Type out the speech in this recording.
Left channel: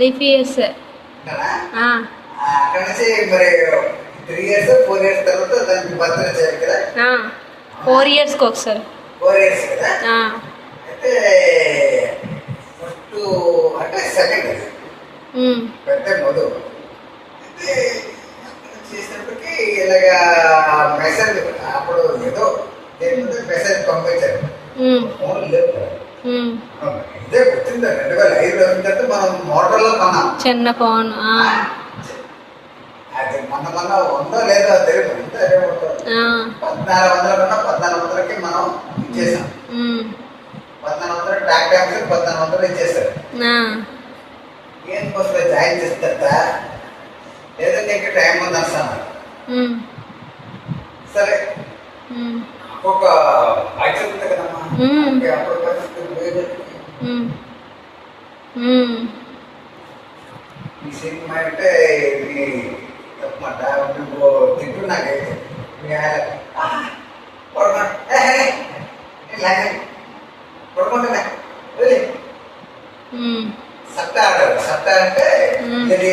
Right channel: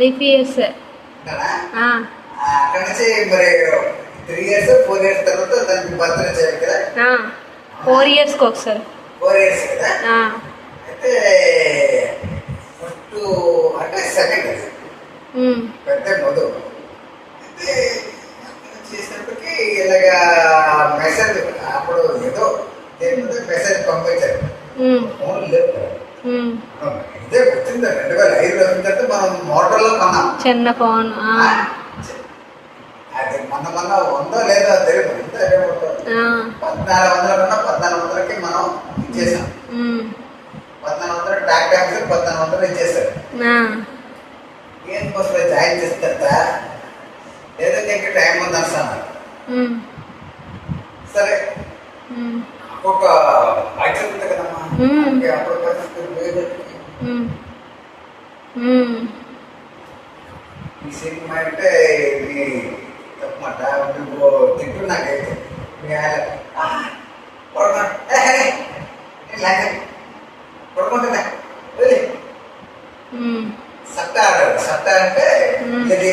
Leafy years. అక్కడ నుంచి మరి 3 years 4 years తర్వాత దానికి బర్త్డే చేయాలి కదా. 4 yearsకి ఒకసారి. 4 years కదా. అయితే ఫస్ట్ అంటే సెకండ్ పెద్ద మొదలు అయితే చేసినప్పటికీ ఇలాగా మెసేజ్ అప్పుడు ఏదో మెసేజ్ పంపించారు. ఫోన్ లేదు. ఇదే వచ్చింది 2005లో ఏంటంటే మనం మోటార్లో కొన్నాం చిన్న ఫోన్. అది మన ఉందో లేదో తెలియదు. 1400 1400కి మనం ఇచ్చేసాం. 1400 ట్యాక్స్ 1400 ఇచ్చేసారు. ఏం కోసం జాయిన్ చేస్తా ఏదైతే ఇంకా టైం ఉంది అన్నాను. సరే ఒక యాక్షన్ ఉంది కదమ్మా. ఈ సినిమా అంటే చెప్పమాట తిట్టు నాకైతే పడుకుంటున్నా సత్తా అంటారు. సత్తా అంటే ఇది